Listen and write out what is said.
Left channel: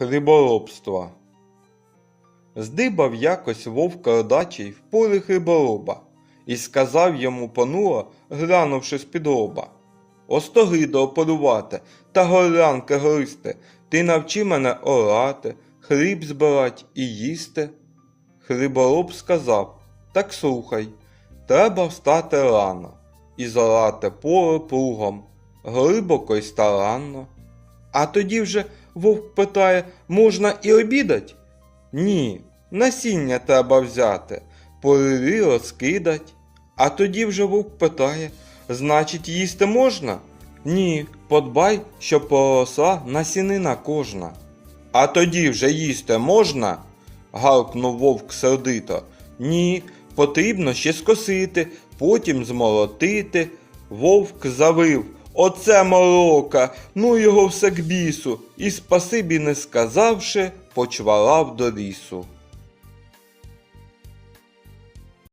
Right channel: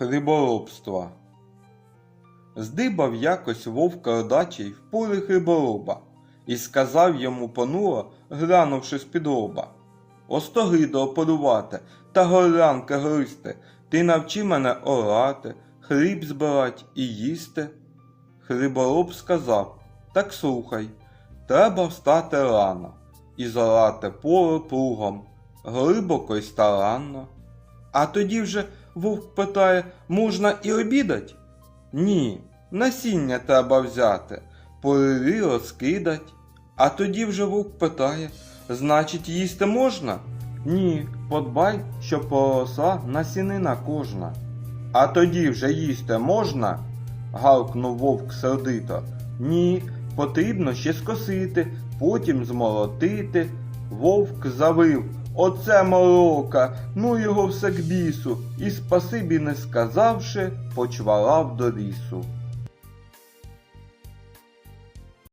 Хліборобства. Здибав якось вовк ледачий в полі хлібороба, і сказав йому понуро, глянувши з-під лоба. Остогидо полювати та горлянки гристи, ти навчи мене орати, хліб збирать і їсти. Хлібороб сказав, так слухай, треба встати рано і зорати поле плугом, глибоко й старанно. А тоді вже вовк питає, можна і обідать? Ні, насіння треба взяти, полили розкидать. А тоді вже вовк питає, значить, їсти можна? Ні, подбай, щоб поросла насінина кожна. А тоді вже їсти можна? гавкнув вовк сердито. Ні, потрібно ще скосити, потім змолотити. Вовк завив. Оце морока, ну його все к бісу, і спасибі не сказавши, почвалав до лісу.